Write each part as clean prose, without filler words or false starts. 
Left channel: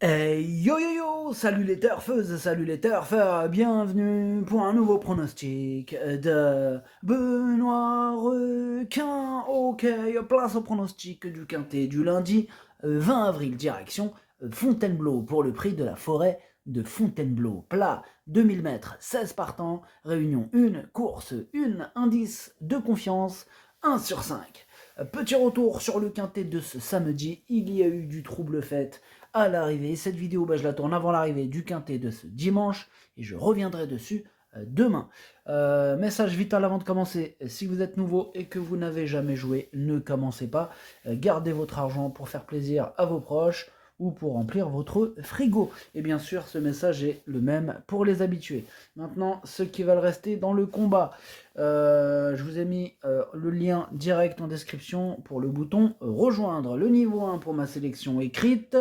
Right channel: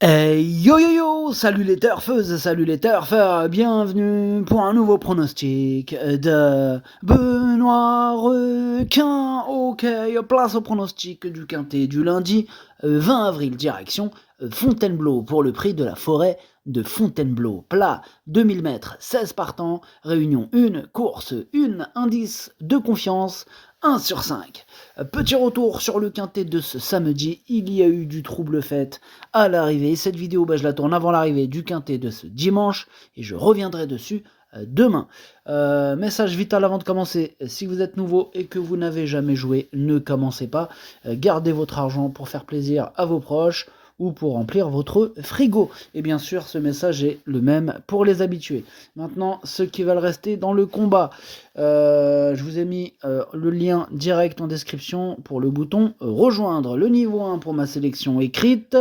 Yo yo yo, salut les turfeuses, salut les turfeurs, bienvenue pour un nouveau pronostic de Benoît Requin. Ok, place au pronostic du quintet du lundi 20 avril, direction Fontainebleau pour le prix de la forêt de Fontainebleau. Plat 2000 mètres, 16 partants, réunion 1, course 1, indice de confiance 1 sur 5. Petit retour sur le quintet de ce samedi, il y a eu du trouble fait à l'arrivée. Cette vidéo, je la tourne avant l'arrivée du quintet de ce dimanche et je reviendrai dessus demain. Message vital avant de commencer, si vous êtes nouveau et que vous n'avez jamais joué, ne commencez pas. Gardez votre argent pour faire plaisir à vos proches ou pour remplir votre frigo. Et bien sûr, ce message est le même pour les habitués. Maintenant, ceux qui veulent rester dans le combat, je vous ai mis le lien direct en description pour le bouton rejoindre. Le niveau 1 pour ma sélection écrite.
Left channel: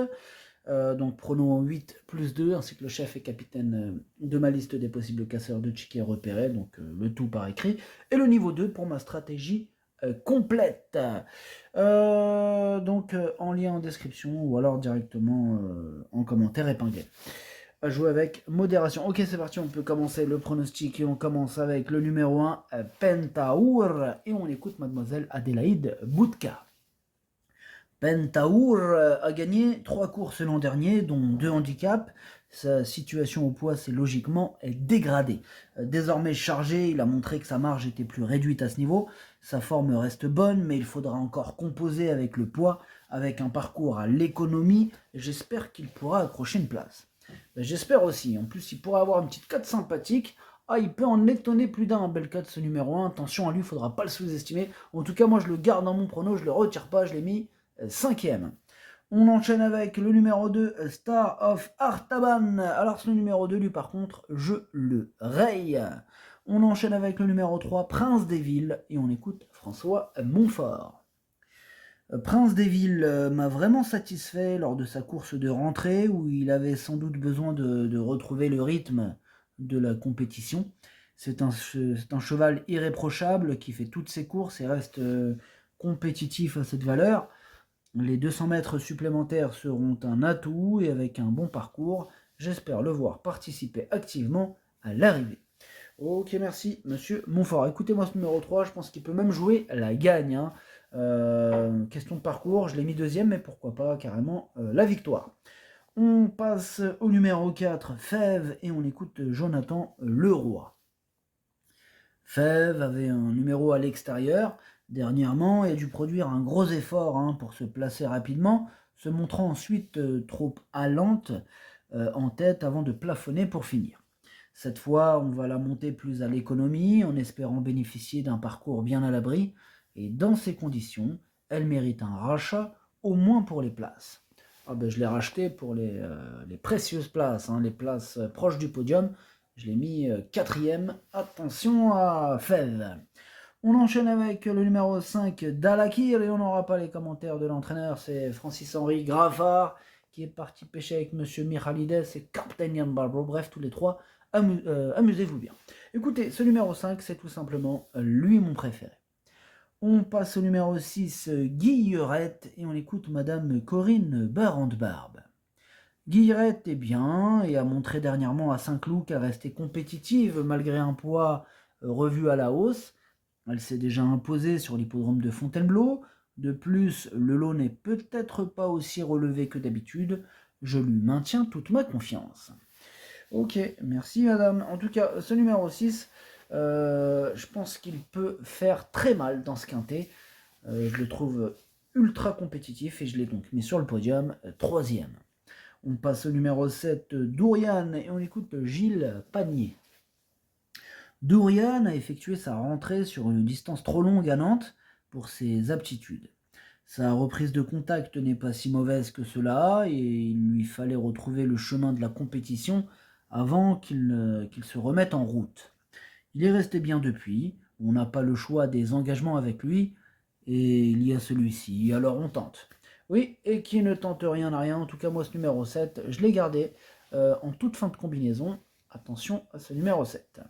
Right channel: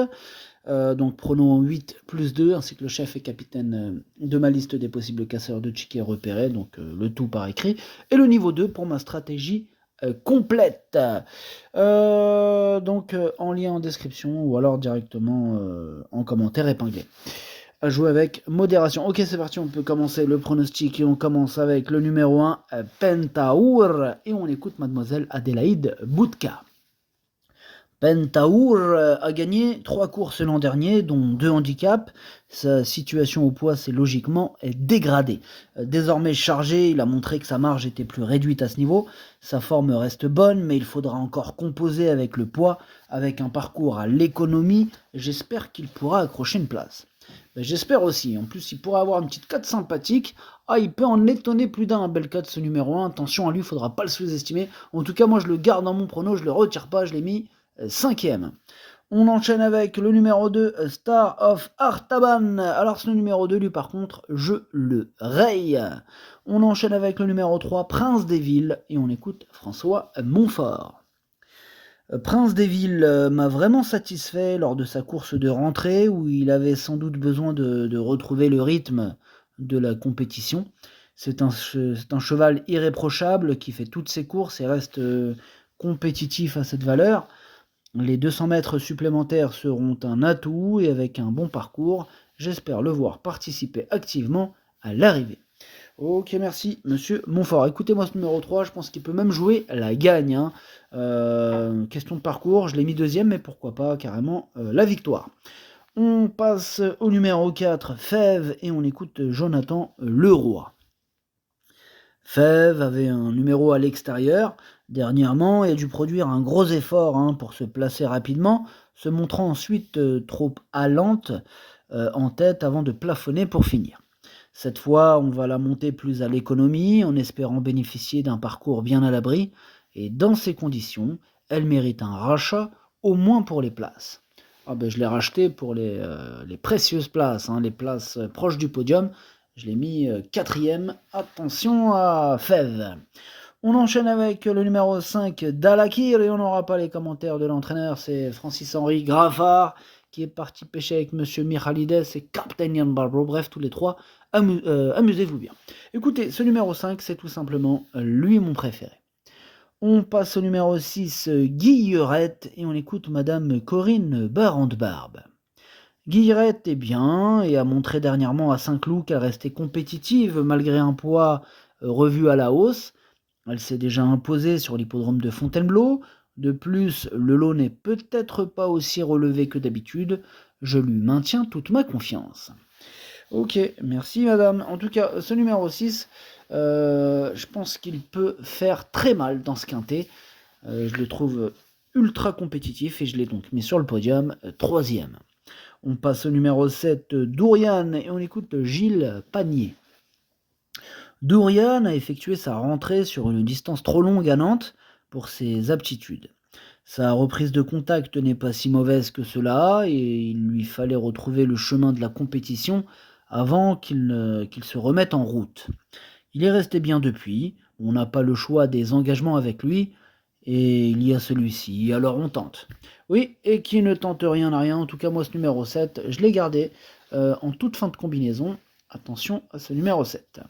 Donc pronom 8 plus 2, ainsi que le chef et capitaine de ma liste des possibles casseurs de tickets repérés, donc le tout par écrit. Et le niveau 2 pour ma stratégie complète. Donc en lien en description ou alors directement en commentaire épinglé. À jouer avec modération. Ok, c'est parti, on peut commencer le pronostic et on commence avec le numéro 1, Pentaour, et on écoute mademoiselle Adélaïde Boudka. Pentaour a gagné 3 courses l'an dernier, dont 2 handicaps. Sa situation au poids s'est logiquement dégradée. Désormais chargé, il a montré que sa marge était plus réduite à ce niveau. Sa forme reste bonne, mais il faudra encore composer avec le poids, avec un parcours à l'économie. J'espère qu'il pourra accrocher une place. J'espère aussi. En plus, il pourra avoir une petite cote sympathique. Ah, il peut en étonner plus d'un, bel cote ce numéro 1. Attention à lui, il ne faudra pas le sous-estimer. En tout cas, moi, je le garde dans mon prono, je ne le retire pas, je l'ai mis 5e. On enchaîne avec le numéro 2, Star of Artaban. Alors ce numéro 2, lui par contre, je le raye. On enchaîne avec le numéro 3, Prince des Villes, et on écoute François Montfort. Prince des Villes m'a vraiment satisfait lors de sa course de rentrée, où il avait sans doute besoin de retrouver le rythme de la compétition. C'est un cheval irréprochable qui fait toutes ses courses et reste compétitif à cette valeur. Les 200 mètres supplémentaires seront un atout et avec un bon parcours, j'espère le voir participer activement à l'arrivée. Ok, merci, monsieur Montfort. Écoutez-moi ce numéro 3, je pense qu'il peut même jouer la gagne. Hein. Question de parcours, je l'ai mis 2e, mais pourquoi pas carrément la victoire. On passe au numéro 4, Fève, et on écoute Jonathan Leroy. Fève avait un numéro à l'extérieur dernièrement et a dû produire un gros effort pour se placer rapidement, se montrant ensuite trop allante en tête avant de plafonner pour finir. Cette fois, on va la monter plus à l'économie en espérant bénéficier d'un parcours bien à l'abri et dans ces conditions, elle mérite un rachat au moins pour les places. Ah ben, je l'ai racheté pour les précieuses places, les places proches du podium. Je l'ai mis 4e. Attention à Fève. On enchaîne avec le numéro 5, Dalakir, et on n'aura pas les commentaires de l'entraîneur. C'est Francis-Henri Graffard qui est parti pêcher avec Monsieur Michalides et Captain Ian Barbro. Bref, tous les trois, amusez-vous bien. Écoutez, ce numéro 5, c'est tout simplement lui mon préféré. On passe au numéro 6, Guillerette, et on écoute Madame Corinne Barande-Barbe. Guillerette est bien et a montré dernièrement à Saint-Cloud qu'elle restait compétitive malgré un poids revu à la hausse. Elle s'est déjà imposée sur l'hippodrome de Fontainebleau. De plus, le lot n'est peut-être pas aussi relevé que d'habitude. Je lui maintiens toute ma confiance. Ok, merci madame. En tout cas, ce numéro 6, je pense qu'il peut faire très mal dans ce quintet. Je le trouve ultra compétitif et je l'ai donc mis sur le podium 3e. On passe au numéro 7, Dourian, et on écoute Gilles Panier. Dourian a effectué sa rentrée sur une distance trop longue à Nantes pour ses aptitudes. Sa reprise de contact n'est pas si mauvaise que cela et il lui fallait retrouver le chemin de la compétition avant qu'il se remette en route. Il est resté bien depuis, on n'a pas le choix des engagements avec lui et il y a celui-ci, alors on tente. Oui, et qui ne tente rien n'a rien, en tout cas moi ce numéro 7, je l'ai gardé en toute fin de combinaison. Attention à ce numéro 7.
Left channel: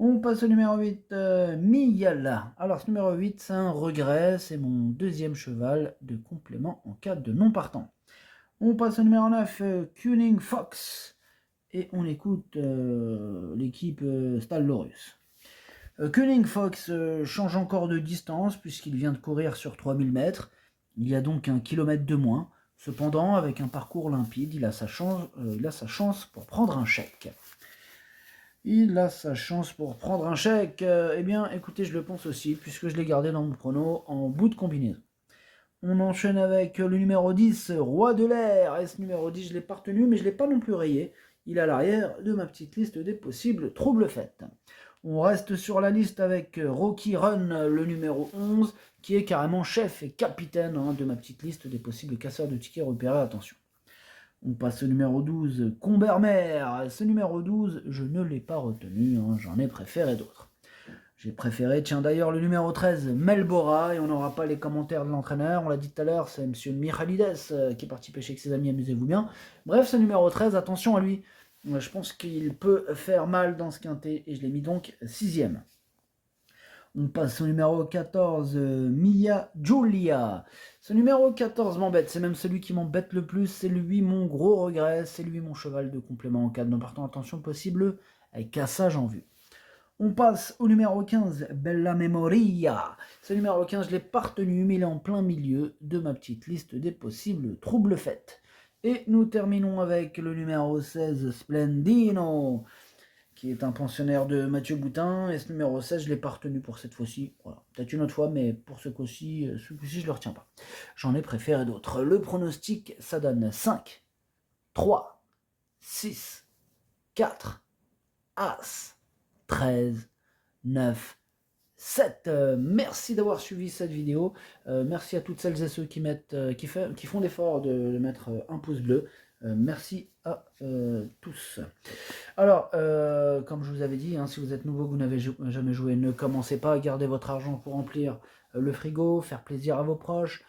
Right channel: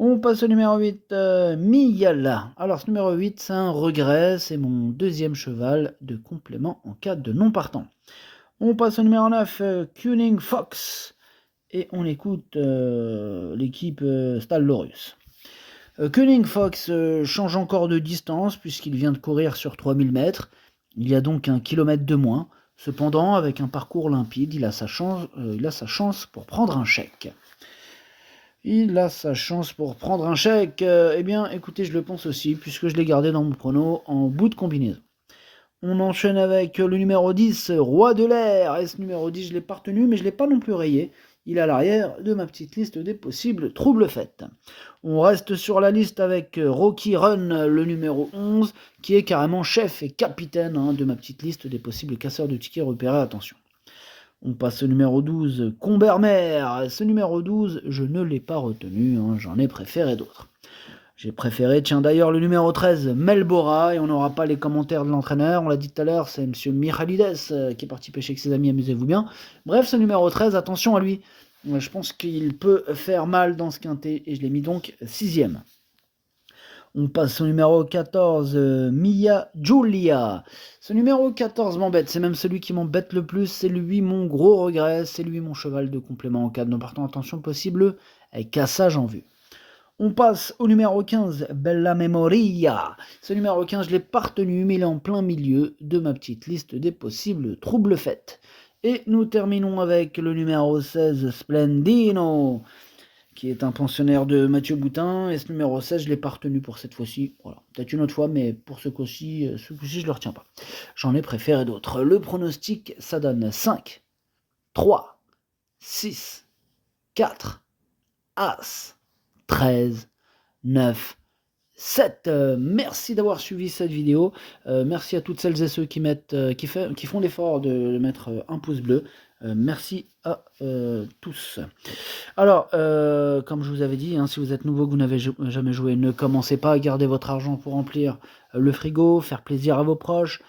On passe au numéro 8, Miyala. Alors ce numéro 8, c'est un regret, c'est mon 2e cheval de complément en cas de non partant. On passe au numéro 9, Cunning Fox. Et on écoute l'équipe Stallorus. Cunning Fox change encore de distance puisqu'il vient de courir sur 3000 mètres. Il y a donc 1 kilomètre de moins. Cependant, avec un parcours limpide, il a sa chance pour prendre un chèque. Il a sa chance pour prendre un chèque. Eh bien, écoutez, je le pense aussi, puisque je l'ai gardé dans mon prono en bout de combinaison. On enchaîne avec le numéro 10, Roi de l'air. Et ce numéro 10, je ne l'ai pas retenu, mais je ne l'ai pas non plus rayé. Il est à l'arrière de ma petite liste des possibles troubles faits. On reste sur la liste avec Rocky Run, le numéro 11, qui est carrément chef et capitaine de ma petite liste des possibles casseurs de tickets repérés. Attention. On passe au numéro 12, Combermer. Ce numéro 12, je ne l'ai pas retenu, j'en ai préféré d'autres. J'ai préféré, tiens d'ailleurs, le numéro 13, Melbora, et on n'aura pas les commentaires de l'entraîneur, on l'a dit tout à l'heure, c'est monsieur Michalides qui est parti pêcher avec ses amis, amusez-vous bien. Bref, ce numéro 13, attention à lui, je pense qu'il peut faire mal dans ce quintet, et je l'ai mis donc 6ème. On passe au numéro 14, Mia Giulia. Ce numéro 14 m'embête, c'est même celui qui m'embête le plus, c'est lui mon gros regret, c'est lui mon cheval de complément en cas de non-partant, attention possible, avec cassage en vue. On passe au numéro 15, Bella Memoria. Ce numéro 15, je ne l'ai pas retenu, mais il est en plein milieu de ma petite liste des possibles troubles faits. Et nous terminons avec le numéro 16, Splendino, qui est un pensionnaire de Mathieu Boutin. Et ce numéro 16, je ne l'ai pas retenu pour cette fois-ci. Voilà, peut-être une autre fois, mais pour ce coup-ci, je ne le retiens pas. J'en ai préféré d'autres. Le pronostic, ça donne 5, 3, 6, 4, As, 13, 9, 7. Merci d'avoir suivi cette vidéo. Merci à toutes celles et ceux qui font l'effort de mettre un pouce bleu. Merci à tous. Alors, comme je vous avais dit, si vous êtes nouveau, que vous n'avez jamais joué, ne commencez pas à garder votre argent pour remplir le frigo, faire plaisir à vos proches.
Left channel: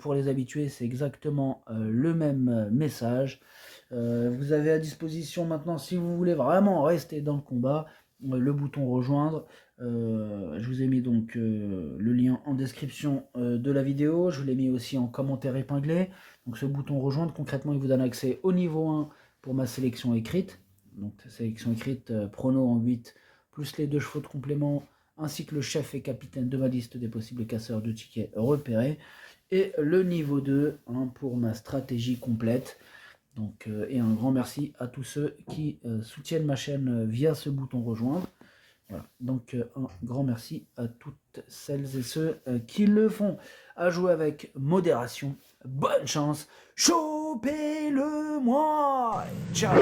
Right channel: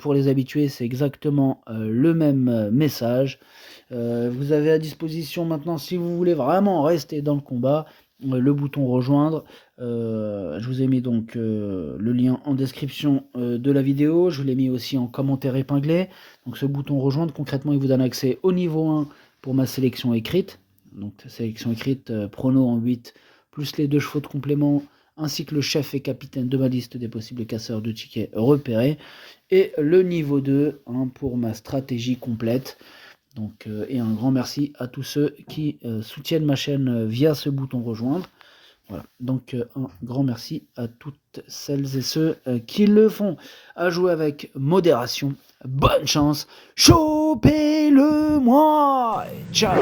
Pour les habitués, c'est exactement le même message. Vous avez à disposition maintenant, si vous voulez vraiment rester dans le combat, le bouton rejoindre. Je vous ai mis donc le lien en description de la vidéo. Je vous l'ai mis aussi en commentaire épinglé. Donc ce bouton rejoindre, concrètement, il vous donne accès au niveau 1 pour ma sélection écrite. Donc sélection écrite prono en 8, plus les 2 chevaux de complément, ainsi que le chef et capitaine de ma liste des possibles casseurs de tickets repérés. Et le niveau 2 pour ma stratégie complète. Donc, et un grand merci à tous ceux qui soutiennent ma chaîne via ce bouton rejoindre. Voilà. Donc un grand merci à toutes celles et ceux qui le font. À jouer avec modération. Bonne chance. Chopez-le moi. Ciao.